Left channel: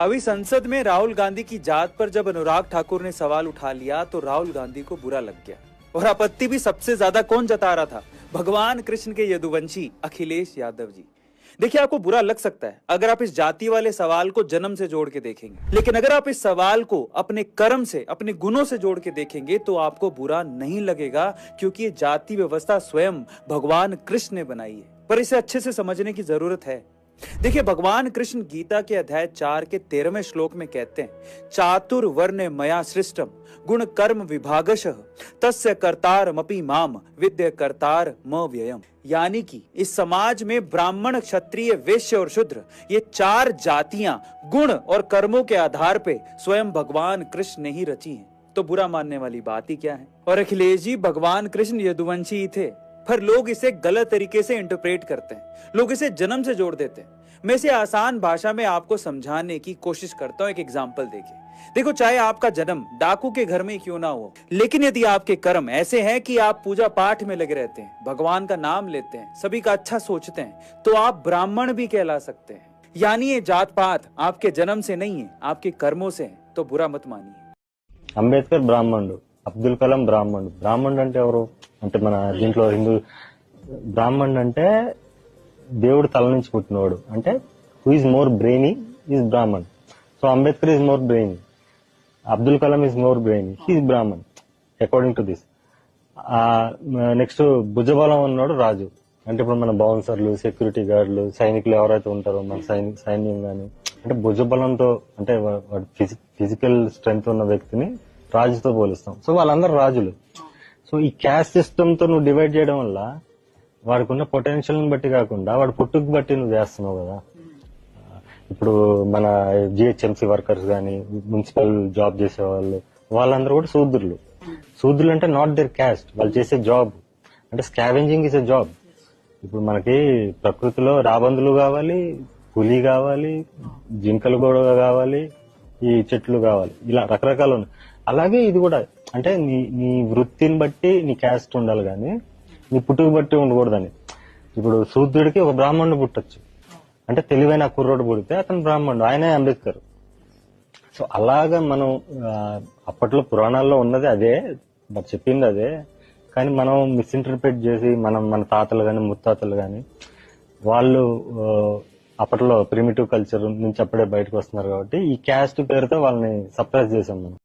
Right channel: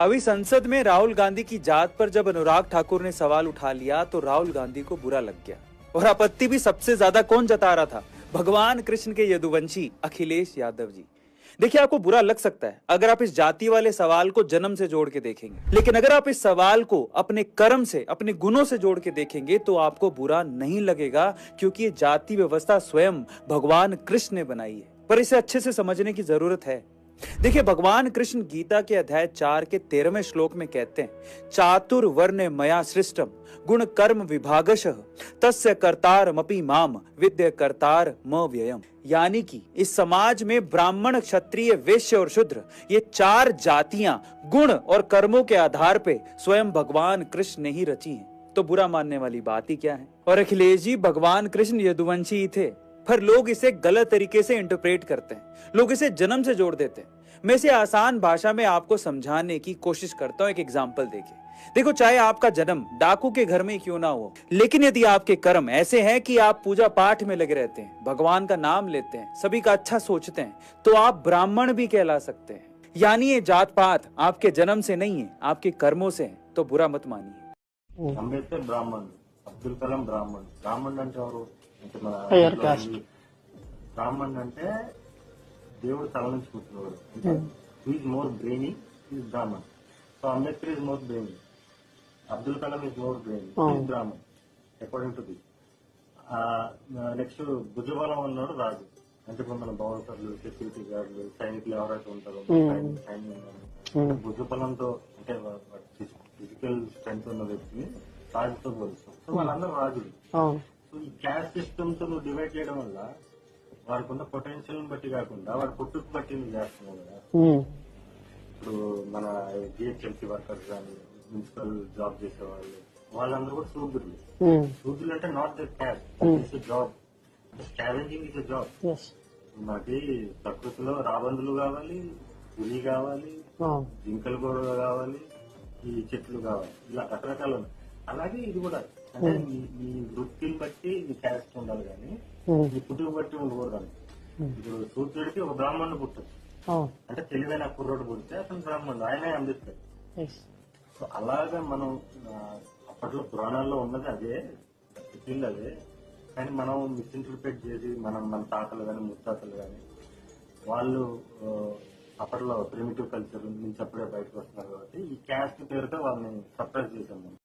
अभी संसद में राहुल गांधी की जात पर जब अनुराग ठाकुर ने सवाल उठा लिया तो राहुल गांधी को बुरा लग गया। और आपत्ति भी सबसे ज्यादा कौन जता रहा था? भगवान कृष्ण के यदुवंशी अखिलेश यादव जी। देखिए, आपको बुरा लग सकता है अगर आप इस जाति वाले सवाल को जन्म से जोड़ के देखेंगे, लेकिन अगर आप इस सवाल को अपने कर्म से, अपने गुणों से जोड़ के देखेंगे तो आपको बुरा नहीं लगेगा, क्योंकि ये जाति व्यवस्था स्वयं भगवान कृष्ण ने बनाई है। पर इसे अच्छे से समझने की जरूरत है। देखिए, भगवान कृष्ण गीता के अध्याय 4 के 13वें श्लोक में कहते हैं, चातुर्वर्ण मया सृष्टम गुण कर्म विभागशः तस्य कर्तारमपि माम विद्य कर्तार म व्ययम। यानी कि इस समाज में ब्राह्मण, क्षत्रिय, वैश्य और शूद्र, ये 4 जातियां गुण और कर्मों के आधार पे स्वयं भगवान कृष्ण ने ही रची हैं। तो बुरा मानने वाली बात ही क्या है? और अखिलेश जी भगवान कृष्ण यदुवंशी ही थे, पर लोग इसे गलत तरीके से इंटरप्रेट करते हैं, लोग इसे जन्म से जोड़ देते हैं। मैं इसे आसान भाषा में आपको समझाने की कोशिश करता हूं, एक एग्जाम्पल देके। देखो, चाहे आपका जन्म डाकू के घर में क्यों ना हो, लेकिन यदि आपके कर्म ऐसे हैं कि आप पूजा पाठ में लगे रहते हैं, भगवान का नाम लेते हैं, सभी का अच्छा सोचते हैं, तो आप ब्राह्मण भी कहला सकते हैं। यानी ये जात पात आपके जन्म से नहीं है, आपके कर्मों से है। तो बुरा मत मानिए। అంబేద్కర్ బ్రాహ్మణుడు, అబ్దుల్ కలాం బ్రాహ్మణుడు. బ్రాహ్మణుడు అంటే ఎవరు? అంటే మన దీంట్లో హిందూ బ్రాహ్మణుడు అంటే దేవుడు తల నుంచి పుట్టినవాడు. అంటే who is more brainy is Brahmin. So Ambedkar is more brainy, Abdul Kalam is more brainy, is Brahmin according to this. Next భుజబలం అన్నాడు రాజు. అంటే ఇప్పుడు మన బౌన్సర్లు, సెక్యూరిటీ గార్డులు, సైనికులు ఎవరైతే ఉంటారో మన సైన్యం గాని, అంటే భుజబలంతో అంటే ఫిజికల్ స్ట్రెంగ్త్ ఉన్న వ్యక్తిని రాజుతో పోలిస్తాం. సో వాళ్ళందరూ రాజులు. సో ఈ క్యాస్ట్ సిస్టమ్ తో నువ్వు డివైడ్ చేయడం వల్ల వాడికి ఉన్న పొటెన్షియల్ బట్టి కాకుండా వాడు పుట్టుకు బట్టి నువ్వు చేస్తున్నావు కదా. ఇప్పుడు మన జిహెచ్ఎంసీ వర్కర్స్ గాని, మున్సిపల్ జాబ్ చేసే వాళ్ళు, వాళ్ళందరూ కూడా శూద్రులు. శూద్రులు అంటే నాట్ దేర్ క్యాస్ట్, వాళ్ళు చేసే జాబ్. అంటే స్కావెంజింగ్ ఇస్ ఎ జాబ్. ఇప్పుడు మనకి ప్రకృతిలో రాబందులు కావాలి, పులి కావాలి, జింకలు కూడా కావాలి, ఈ చెట్లు కావాలి, ఇలా రకరకాలు ఉన్నాయి. అలాగే ఇది కూడా, అంటే నీ వృత్తిని బట్టి నీ క్యాస్ట్ ఉండాలి కానీ నీ పుట్టుకు బట్టి ఉండకూడదని. ఇప్పుడు శూద్రుడికి ఒక బ్రాహ్మణుడు పుట్టొచ్చు, అంటే తెలివైన కుర్రోడు పుడితే అతను బ్రాహ్మణుడు, ఆయనే అంబేద్కర్. సో అలాగా మనం అప్పట్లో పురాణాల్లో ఉన్నది అదే, మరి చెప్పింది అదే, కానీ మనం మిస్ఇంటర్ప్రిట్ చేసి మన తాతలు గాని, ముత్తాతలు గాని, వాళ్ళు అప్పట్లో ప్రిమిటివ్ కల్చర్ నుంచి అప్పుడే బయటకు వస్తున్నారు కాబట్టి ఈ క్యాస్ట్ పేరుతో వాళ్ళని సప్రెస్ చేసాం మనం.